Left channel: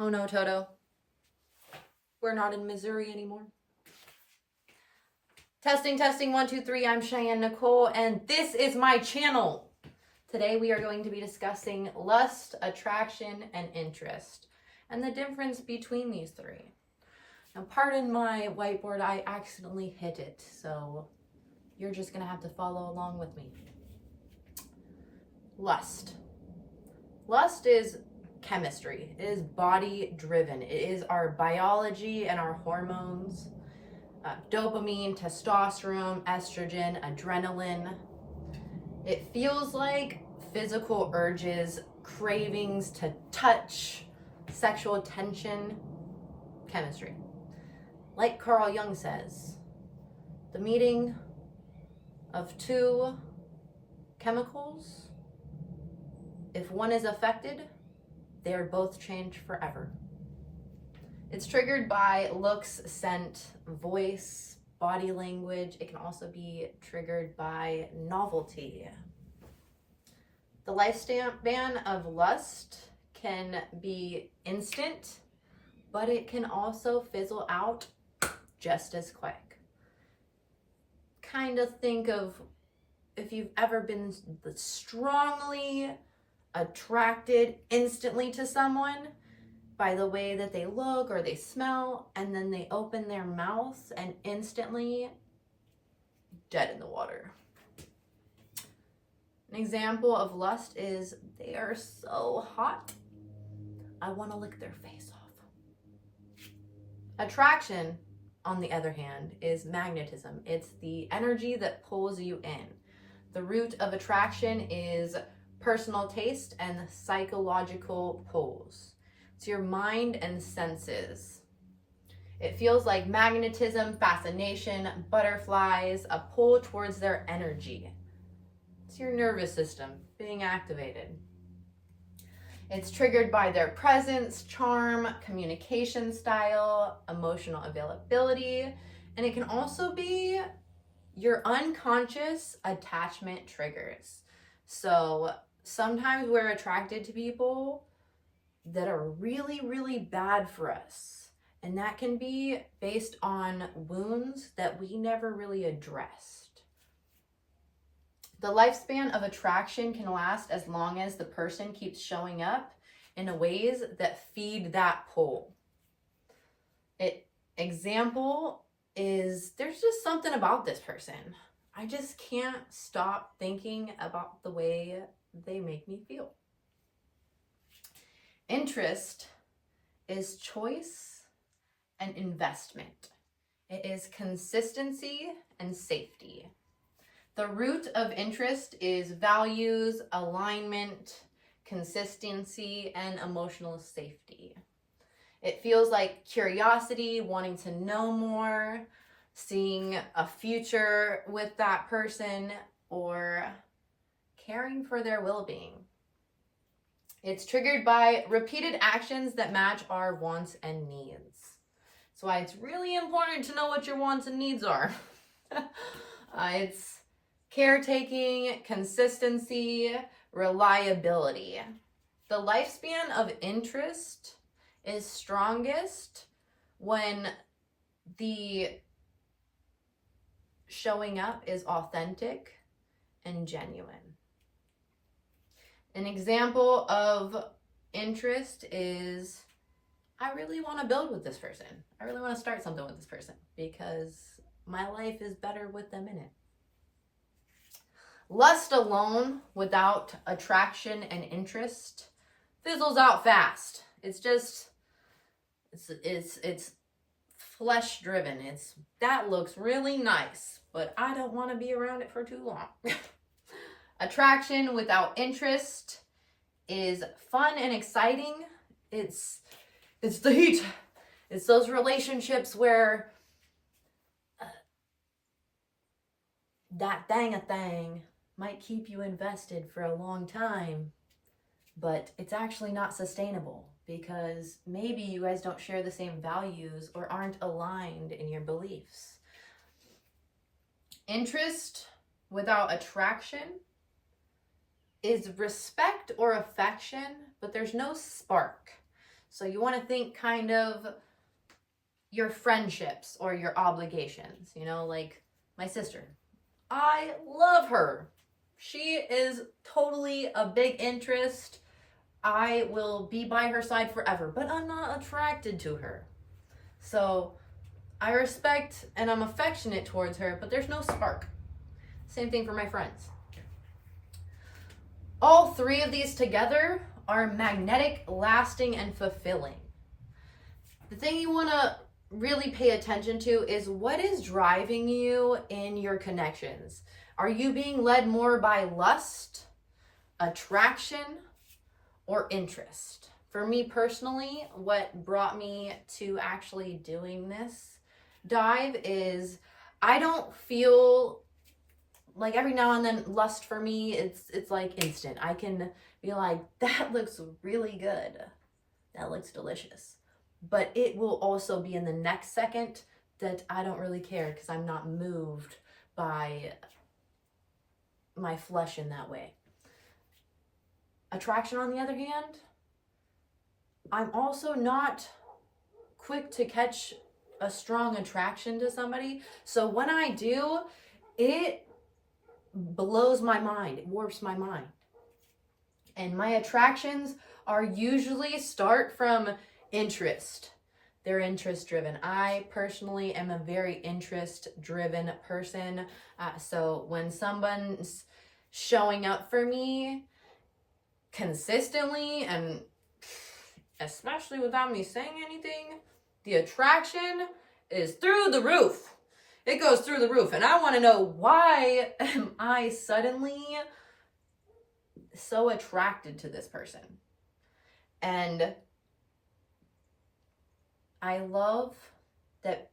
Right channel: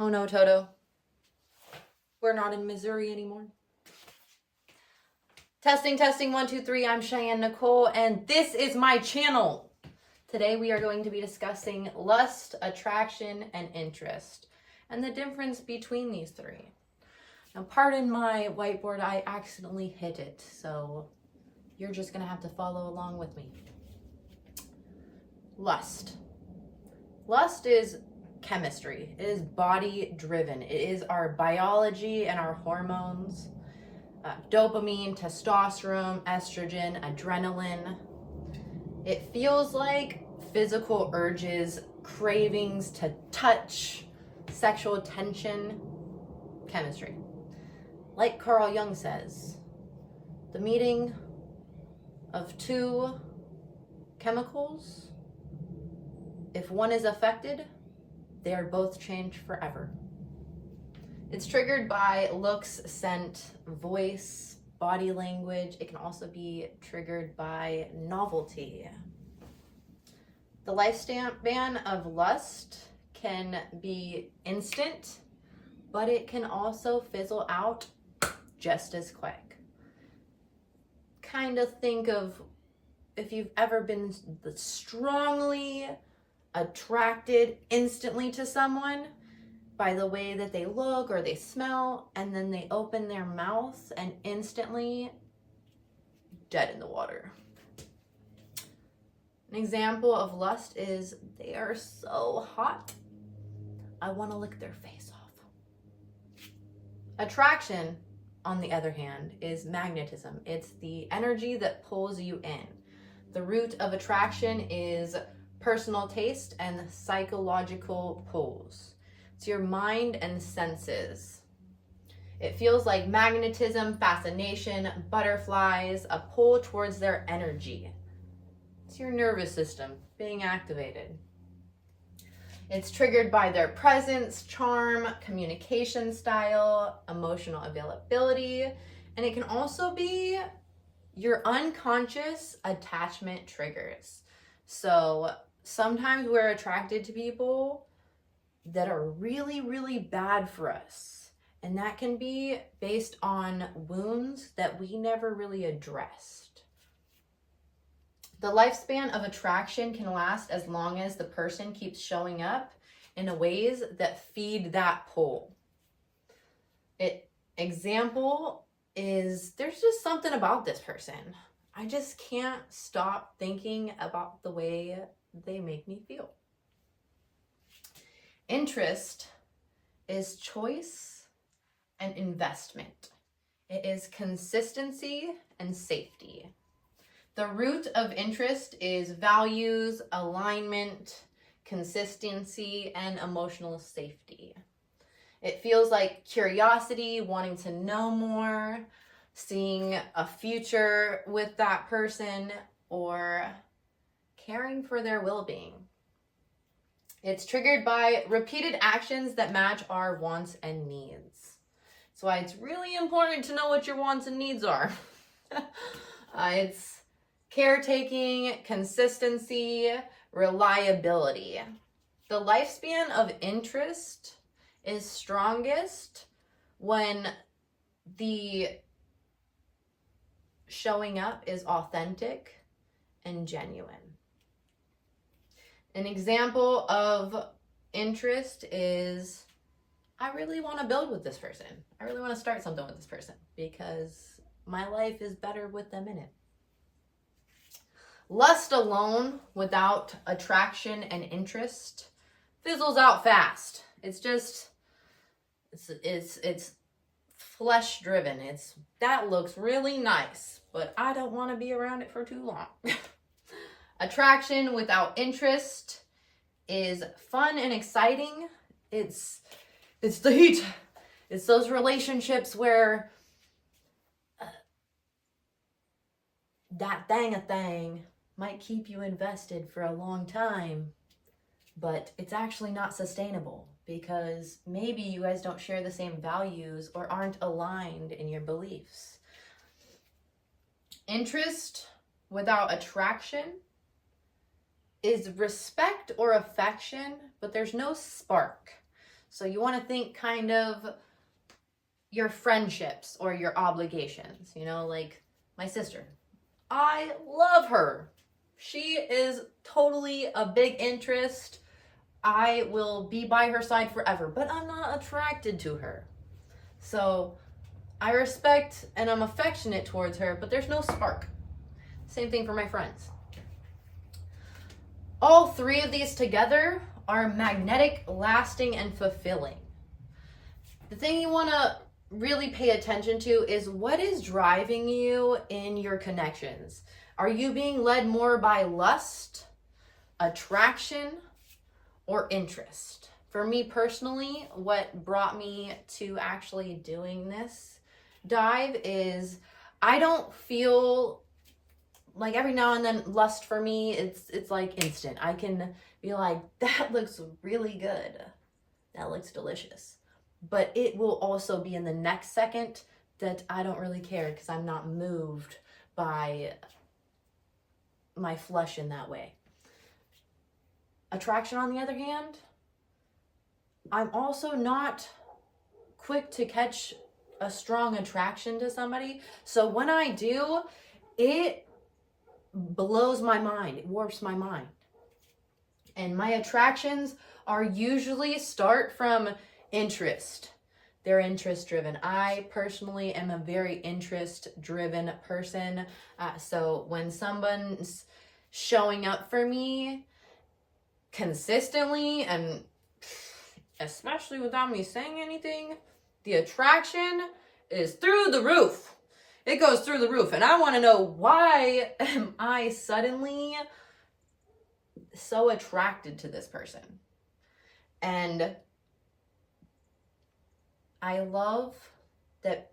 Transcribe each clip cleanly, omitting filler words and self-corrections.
Oh no, Toto. We're not in Missouri anymore. Testing, 1, 2, 3. I'm Cheyenne Nicole, and this is my channel. Today we are going to be discussing lust, attraction, and interest, and the difference between these three. Now, pardon my whiteboard, I accidentally hit it, so you're just gonna have to follow along with me. Lust. Lust is chemistry. It is body driven. It is our biology and our hormones. Dopamine, testosterone, estrogen, adrenaline. It feels like physical urges, cravings to touch, sexual tension, chemistry. Like Carl Jung says, the meeting of two chemicals, if one is affected, they are both changed forever. It's triggered by looks, scent, voice, body language. It can also be triggered by novelty. The lifespan of lust can be instant, but it can also fizzle out just as quick. Kind of think of if you've ever been strongly attracted instantly to someone by the way that they look or they smell, and then they open their mouth and instantly dead in the water. An example of lust is they are so hot, I want to lick their face off. Attraction, on the other hand, is magnetism. It's the energy that pulls you in. The root of attraction is personal taste and psychological pulls. It's your mind and senses. It feels like magnetism, fascination, butterflies, a pull towards their energy. It's your nervous system being activated. It's triggered by their presence, charm, communication style, emotional availability, and it can also be your unconscious attachment triggers. So sometimes we're attracted to people that are really, really bad for us. And that can be based on wounds that we never really addressed. The lifespan of attraction can last as long as the person keeps showing up in ways that feed that pull. Example is there's just something about this person. I just can't stop thinking about the way they make me feel. Interest is choice and investment. It is consistency and safety. The root of interest is values, alignment, consistency, and emotional safety. It feels like curiosity, wanting to know more, seeing a future with that person, or caring for their well-being. It's triggered by repeated actions that match our wants and needs. That's why it's really important to know what your wants and needs are. It's caretaking, consistency, reliability. The lifespan of interest is strongest when the showing up is authentic and genuine. An example of interest is, I really want to build with this person. I really want to start something with this person because my life is better with them in it. Lust alone without attraction and interest fizzles out fast. It's just, it's flesh driven. That looks really nice, but I don't want to be around it for too long. Attraction without interest is fun and exciting. It's the heat. It's those relationships where that thing might keep you invested for a long time, but it's actually not sustainable because maybe you guys don't share the same values or aren't aligned in your beliefs. Interest without attraction is respect or affection, but there's no spark. So you want to think kind of your friendships or your obligations, like my sister. I love her. She is totally a big interest. I will be by her side forever, but I'm not attracted to her. So I respect and I'm affectionate towards her, but there's no spark. Same thing for my friends. All three of these together are magnetic, lasting, and fulfilling. The thing you want to really pay attention to is what is driving you in your connections. Are you being led more by lust, attraction, or interest? For me personally, what brought me to actually doing this dive is I don't feel like every now and then lust for me, it's like instant. I can be like, that looks really good. That looks delicious. But it will also be in the next second that I don't really care because I'm not moved by my flesh in that way. Attraction, on the other hand, I'm also not quick to catch a strong attraction to somebody. So when I do, it blows my mind. It warps my mind. And my attractions are usually start from interest. They're interest driven. I personally am a very interest driven person. So when someone's showing up for me consistently and especially without me saying anything, the attraction is through the roof. It goes through the roof. And I want to know, why am I suddenly so attracted to this person? And I love that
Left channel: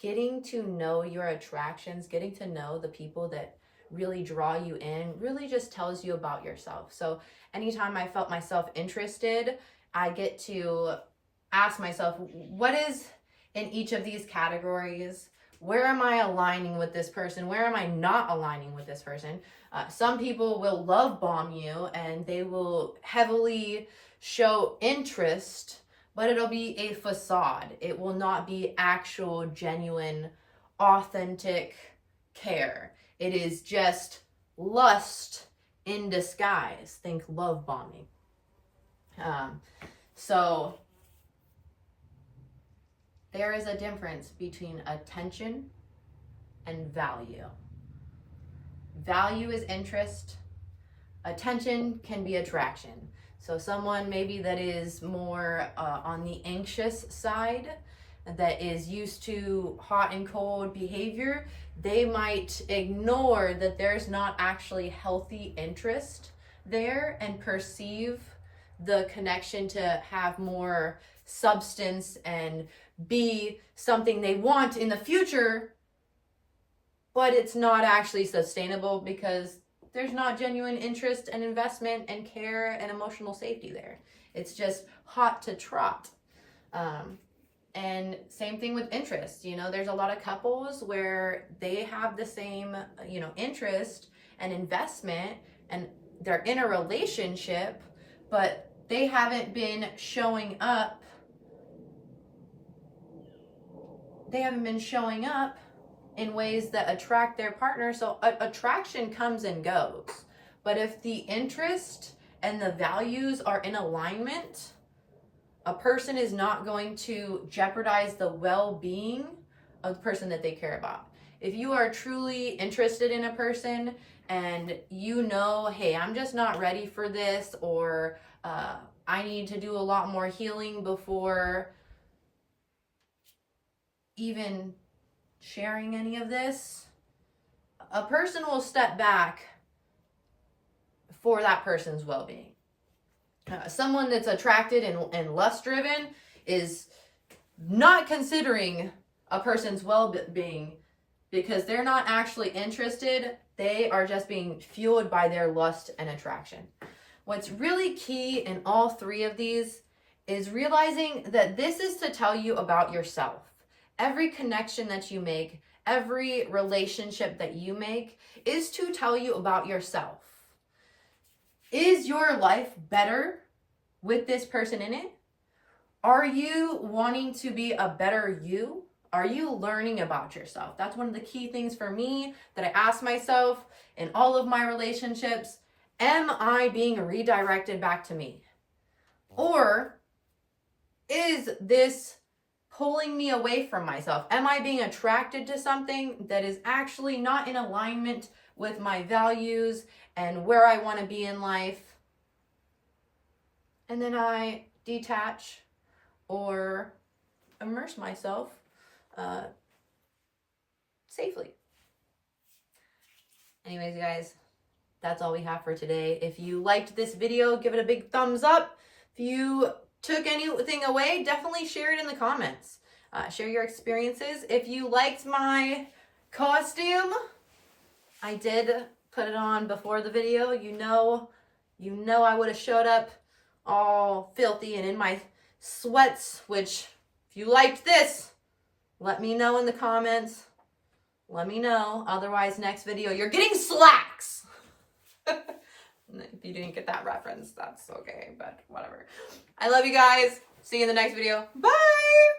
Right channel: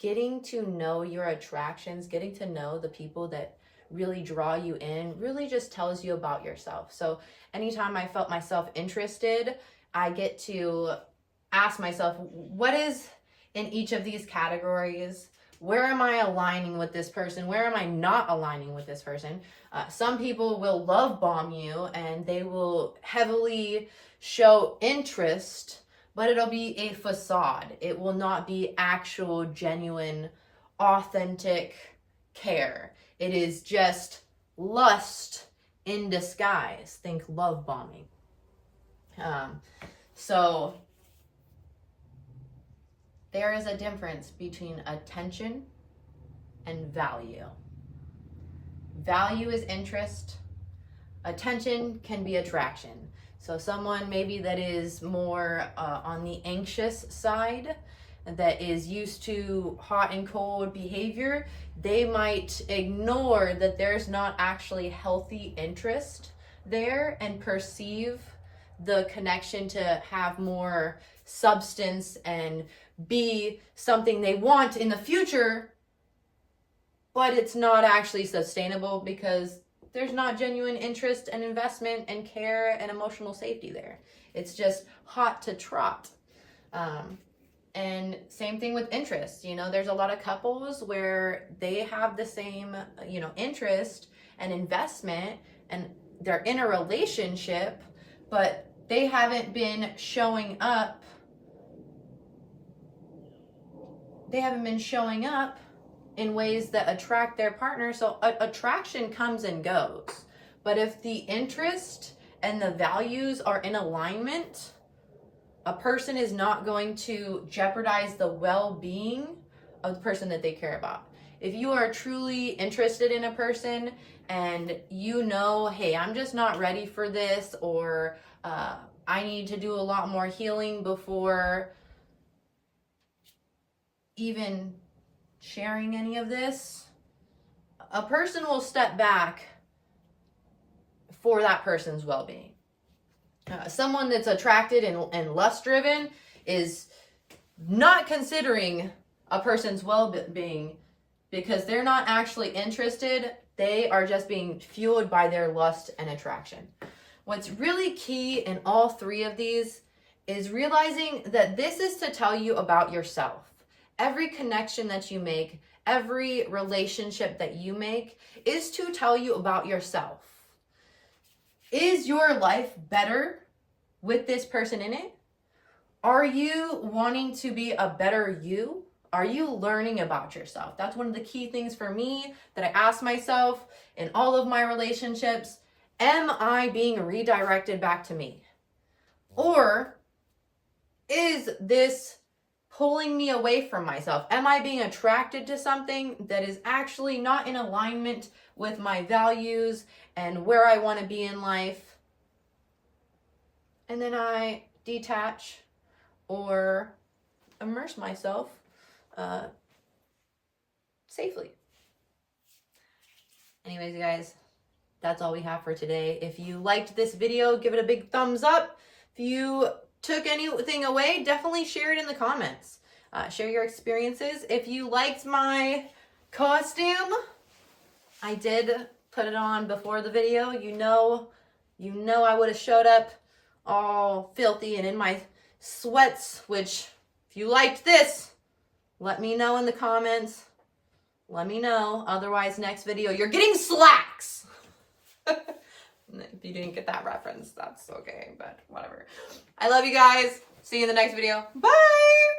getting to know your attractions, getting to know the people that really draw you in, really just tells you about yourself. So anytime I felt myself interested, I get to ask myself, what is in each of these categories? Where am I aligning with this person? Where am I not aligning with this person? Some people will love bomb you and they will heavily show interest, but it'll be a facade. It will not be actual, genuine, authentic care. It is just lust in disguise. Think love bombing. So there is a difference between attention and value. Value is interest. Attention can be attraction. So someone maybe that is more on the anxious side, that is used to hot and cold behavior, they might ignore that there's not actually healthy interest there and perceive the connection to have more substance and be something they want in the future, but it's not actually sustainable because there's not genuine interest and investment and care and emotional safety there. It's just hot to trot. And same thing with interest. There's a lot of couples where they have the same, interest and investment and they're in a relationship, but they haven't been showing up. They haven't been showing up in ways that attract their partner. So attraction comes and goes. But if the interest and the values are in alignment, a person is not going to jeopardize the well-being of the person that they care about. If you are truly interested in a person and hey, I'm just not ready for this, or I need to do a lot more healing before even sharing any of this, a person will step back for that person's well-being. Someone that's attracted and lust-driven is not considering a person's well-being because they're not actually interested. They are just being fueled by their lust and attraction. What's really key in all three of these is realizing that this is to tell you about yourself. Every connection that you make, every relationship that you make is to tell you about yourself. Is your life better with this person in it? Are you wanting to be a better you? Are you learning about yourself? That's one of the key things for me that I ask myself in all of my relationships. Am I being redirected back to me? Or is this pulling me away from myself? Am I being attracted to something that is actually not in alignment with my values and where I want to be in life? And then I detach or immerse myself safely. Anyways, guys, that's all we have for today. If you liked this video, give it a big thumbs up. If you took anything away, definitely share it in the comments. Share your experiences. If you liked my costume, I did put it on before the video. You know I would have showed up all filthy and in my sweats, which if you liked this, let me know in the comments. Let me know. Otherwise, next video, you're getting slacks. If you didn't get that reference, that's okay, but whatever. I love you guys. See you in the next video. Bye!